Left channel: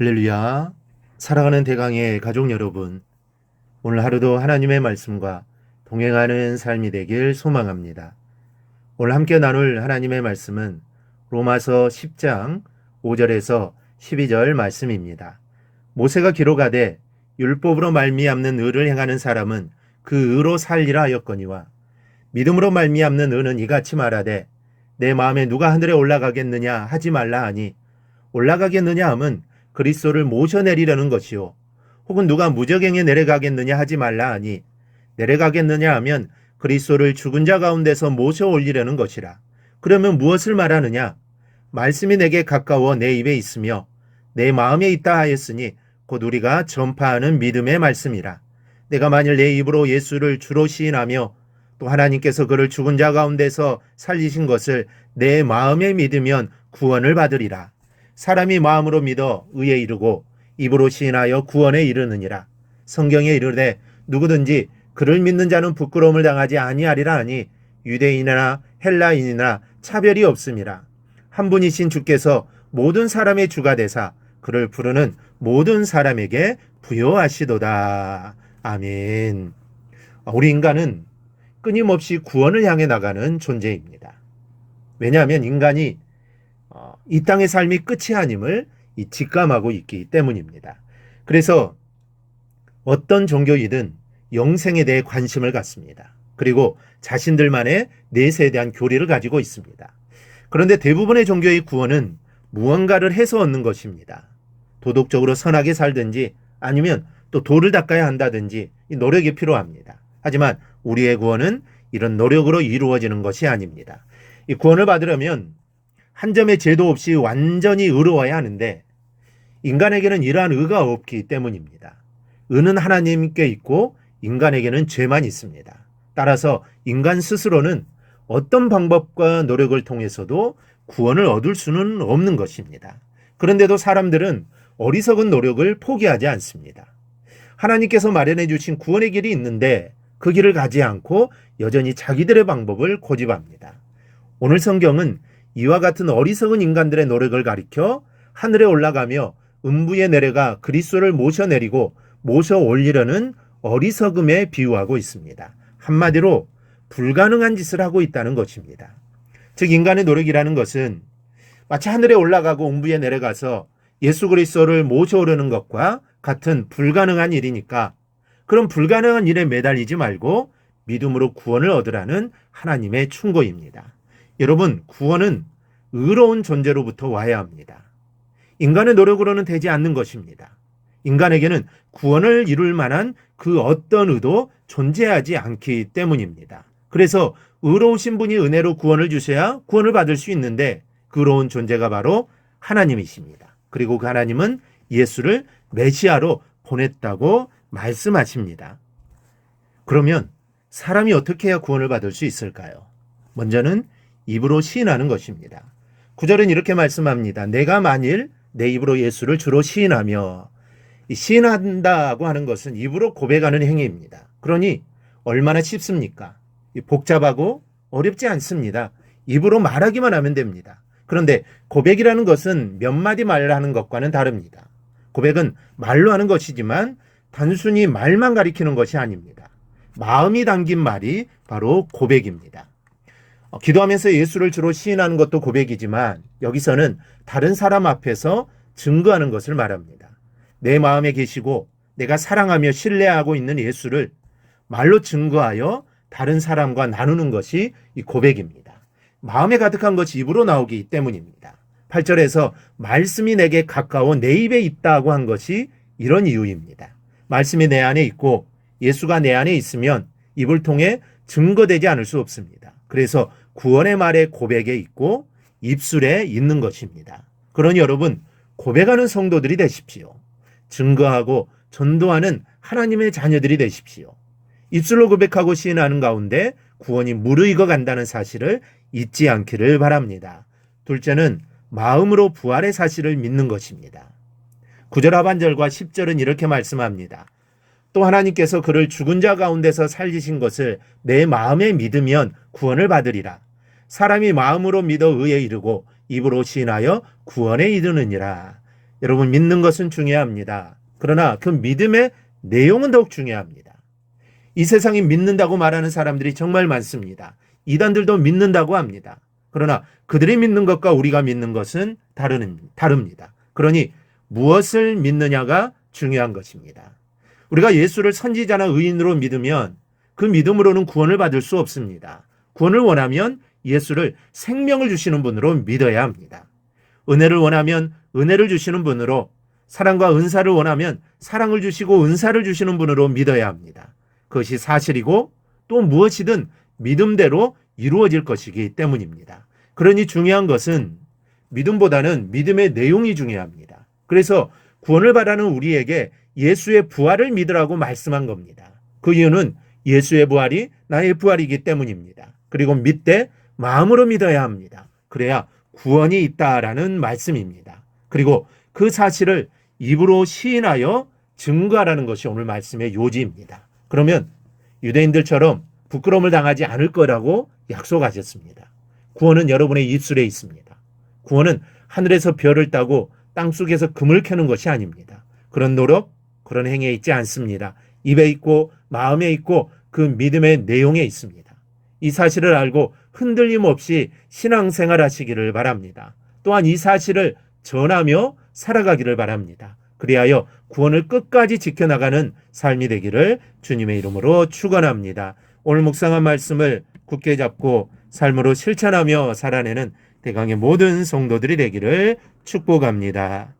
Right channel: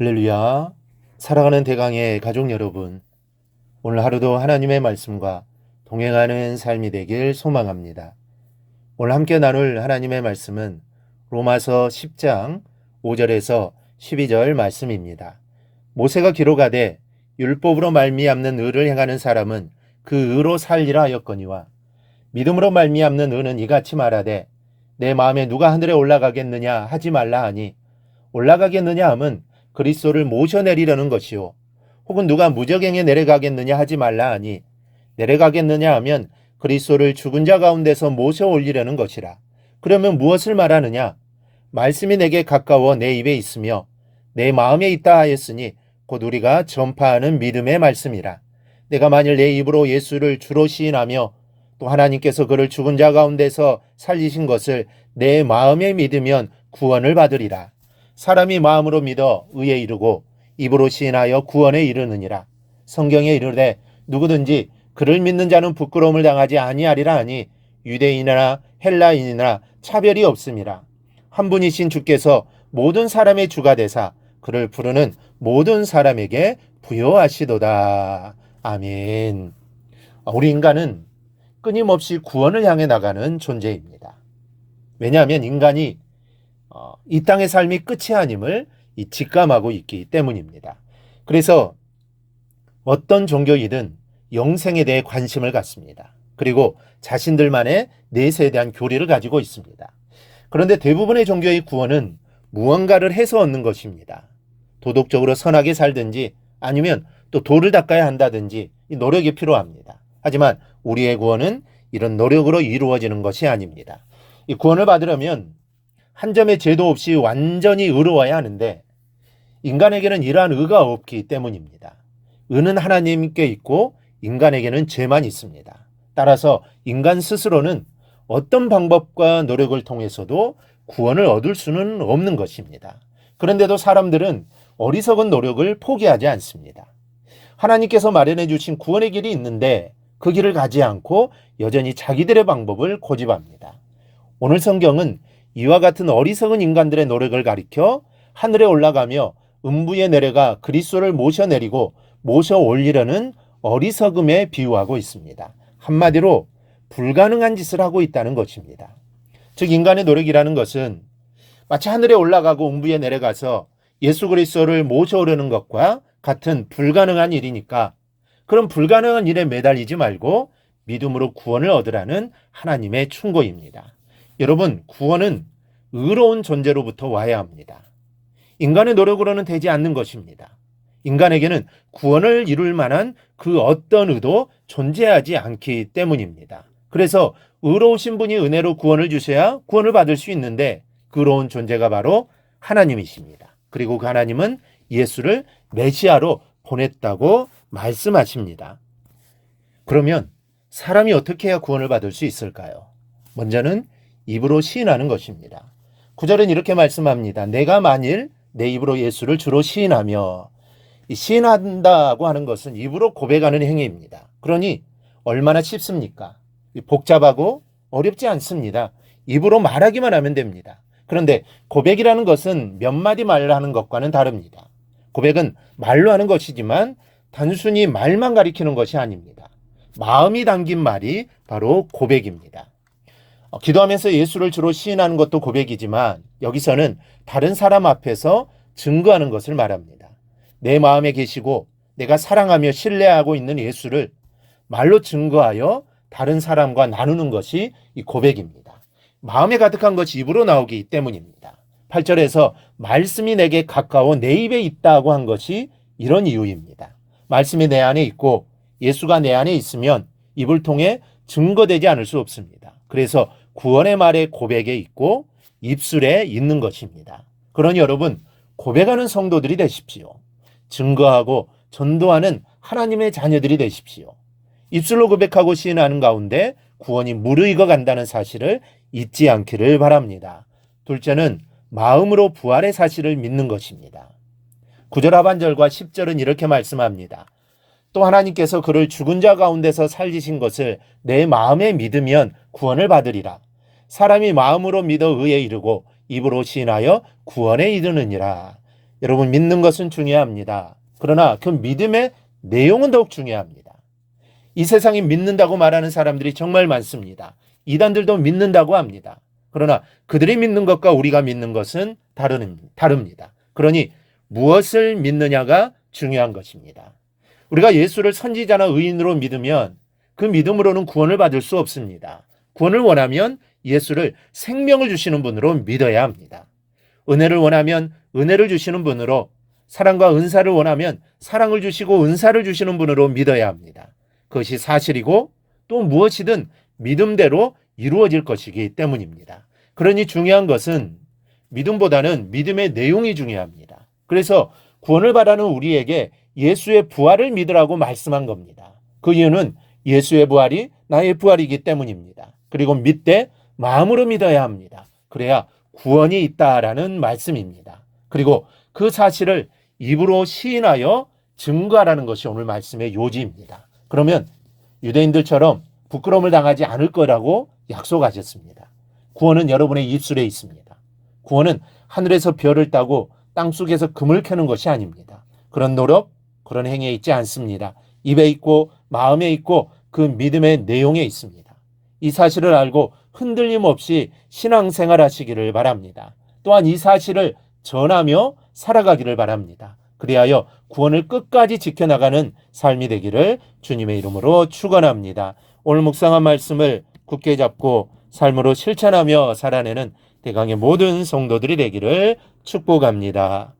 할렐루야. 사랑하는 대강의 가족 여러분, 오늘 하루도 하나님의 말씀과 동행하는 삶이 되길 소망합니다. 오늘 함께 나눌 하나님의 말씀은 로마서 10장 5절에서 12절 말씀입니다. 모세가 기록하되 율법으로 말미암는 의를 행하는 사람은 그 의로 살리라 하였거니와 믿음으로 말미암는 의는 이같이 말하되 내 마음에 누가 하늘에 올라가겠느냐 하지 말라 하니 올라가겠느냐 함은 그리스도를 모셔내리려는 것이요 혹은 누가 무저갱에 내려가겠느냐 하지 말라 하니 내려가겠느냐 하면 그리스도를 죽은 자 가운데서 모셔 올리려는 것이라. 그러면 무엇을 말하느냐? 말씀이 내게 가까워 내 입에 있으며 내 마음에 있다 하였으니 곧 우리가 전파하는 믿음의 말씀이라. 내가 만일 내 입으로 예수를 주로 시인하며 또 하나님께서 그를 죽은 자 가운데서 살리신 것을 내 마음에 믿으면 구원을 받으리라. 사람이 마음으로 믿어 의에 이르고 입으로 시인하여 구원에 이르느니라. 성경에 이르되 누구든지 그를 믿는 자는 부끄러움을 당하지 아니하리라 하니 유대인이나 헬라인이나 차별이 없음이라. 한 분이신 주께서 모든 사람의 주가 되사 그를 부르는 모든 사람에게 부여하시도다. 아멘. 우리 인간은 끊임없이 구원을 향해 나가는 존재입니다. 왜냐하면 인간이 이 땅의 삶이 끝이 아님을 직감하고 있기 때문입니다. 그래서 어떤 종교이든 영생에 대해 관심을 갖습니다. 그리고 자신들만의 내세에 대한 교리를 가지고 있습니다. 그런데 대부분의 종교의 구원은 무언가를 해서 얻는 것입니다. 도덕적으로 선하게 살든지 아니면 또 도를 닦아야 한다든지 이 노력이 필요합니다. 하지만 우리의 구원은 이런 노력으로 이루어지는 것이 아닙니다. 이 구원을 받으려면 한 점의 죄도 없이 완전히 의로워야 하는데 인간에게는 이러한 의가 없기 때문입니다. 의는 하나님께 있고 인간에게는 죄만 있습니다. 따라서 인간 스스로는 어떤 방법과 노력을 통해서도 구원을 얻을 수는 없는 것입니다. 그런데도 사람들은 어리석은 노력을 포기하지 않습니다. 하나님께서 마련해 주신 구원의 길이 있는데 그 길을 가지 않고 여전히 자기들의 방법을 고집합니다. 오늘 성경은 이와 같은 어리석은 인간들의 노력을 가리켜 하늘에 올라가며 음부에 내려가 그리스도를 모셔내리고 모셔 올리려는 어리석음에 비유하고 있습니다. 한마디로 불가능한 짓을 하고 있다는 것입니다. 즉 인간의 노력이라는 것은 마치 하늘에 올라가고 음부에 내려가서 예수 그리스도를 모셔오려는 것과 같은 불가능한 일이니까 그런 불가능한 일에 매달리지 말고 믿음으로 구원을 얻으라는 하나님의 충고입니다. 여러분, 구원은 의로운 존재로부터 와야 합니다. 인간의 노력으로는 되지 않는 것입니다. 인간에게는 구원을 이룰 만한 그 어떤 의도 존재하지 않기 때문입니다. 그래서 의로우신 분이 은혜로 구원을 주셔야 구원을 받을 수 있는데 그 의로운 존재가 바로 하나님이십니다. 그리고 그 하나님은 예수를 메시아로 보냈다고 말씀하십니다. 그러면 사람이 어떻게 해야 구원을 받을 수 있을까요? 먼저는 입으로 시인하는 것입니다. 9절은 이렇게 말씀합니다. 내가 만일 내 입으로 예수를 주로 시인하며, 시인한다고 하는 것은 입으로 고백하는 행위입니다. 그러니 얼마나 쉽습니까? 복잡하고 어렵지 않습니다. 입으로 말하기만 하면 됩니다. 그런데 고백이라는 것은 몇 마디 말을 하는 것과는 다릅니다. 고백은 말로 하는 것이지만 단순히 말만 가리키는 것이 아닙니다. 마음이 담긴 말이 바로 고백입니다. 기도하면서 예수를 주로 시인하는 것도 고백이지만 여기서는 다른 사람 앞에서 증거하는 것을 말합니다. 내 마음에 계시고 내가 사랑하며 신뢰하고 있는 예수를 말로 증거하여 다른 사람과 나누는 것이 이 고백입니다. 마음에 가득한 것이 입으로 나오기 때문입니다. 8절에서 말씀이 내게 가까워 내 입에 있다고 한 것이 이런 이유입니다. 말씀이 내 안에 있고 예수가 내 안에 있으면 입을 통해 증거되지 않을 수 없습니다. 그래서 구원의 말에 고백에 있고 입술에 있는 것입니다. 그러니 여러분, 고백하는 성도들이 되십시오. 증거하고 전도하는 하나님의 자녀들이 되십시오. 입술로 고백하고 시인하는 가운데 구원이 무르익어 간다는 사실을 잊지 않기를 바랍니다. 둘째는 마음으로 부활의 사실을 믿는 것입니다. 9절 하반절과 10절은 이렇게 말씀합니다. 또 하나님께서 그를 죽은 자 가운데서 살리신 것을 내 마음에 믿으면 구원을 받으리라. 사람이 마음으로 믿어 의에 이르고 입으로 시인하여 구원에 이르느니라. 여러분, 믿는 것은 중요합니다. 그러나 그 믿음의 내용은 더욱 중요합니다. 이 세상에 믿는다고 말하는 사람들이 정말 많습니다. 이단들도 믿는다고 합니다. 그러나 그들이 믿는 것과 우리가 믿는 것은 다릅니다. 그러니 무엇을 믿느냐가 중요한 것입니다. 우리가 예수를 선지자나 의인으로 믿으면 그 믿음으로는 구원을 받을 수 없습니다. 구원을 원하면 예수를 생명을 주시는 분으로 믿어야 합니다. 은혜를 원하면 은혜를 주시는 분으로, 사랑과 은사를 원하면 사랑을 주시고 은사를 주시는 분으로 믿어야 합니다. 그것이 사실이고 또 무엇이든 믿음대로 이루어질 것이기 때문입니다. 그러니 중요한 것은 믿음보다는 믿음의 내용이 중요합니다. 그래서 구원을 바라는 우리에게 예수의 부활을 믿으라고 말씀한 겁니다. 그 이유는 예수의 부활이 나의 부활이기 때문입니다. 그리고 믿되 마음으로 믿어야 합니다. 그래야 구원이 있다라는 말씀입니다. 그리고 그 사실을 입으로 시인하여 증거하라는 것이 오늘 말씀의 요지입니다. 그러면 유대인들처럼 부끄러움을 당하지 않을 거라고 약속하셨습니다. 구원은 여러분의 입술에 있습니다. 구원은 하늘에서 별을 따고 땅속에서 금을 캐는 것이 아닙니다. 그런 노력, 그런 행위에 있지 않습니다. 입에 있고 마음에 있고 그 믿음의 내용에 있습니다. 이 사실을 알고 흔들림 없이 신앙생활 하시기를 바랍니다. 또한 이 사실을 전하며 살아가기를 바랍니다. 그리하여 구원을 끝까지 지켜나가는 삶이 되기를 주님의 이름으로 축원합니다. 오늘 묵상한 말씀을 굳게 잡고 삶으로 실천하며 살아내는 대강의 모든 성도들이 되기를 축복합니다.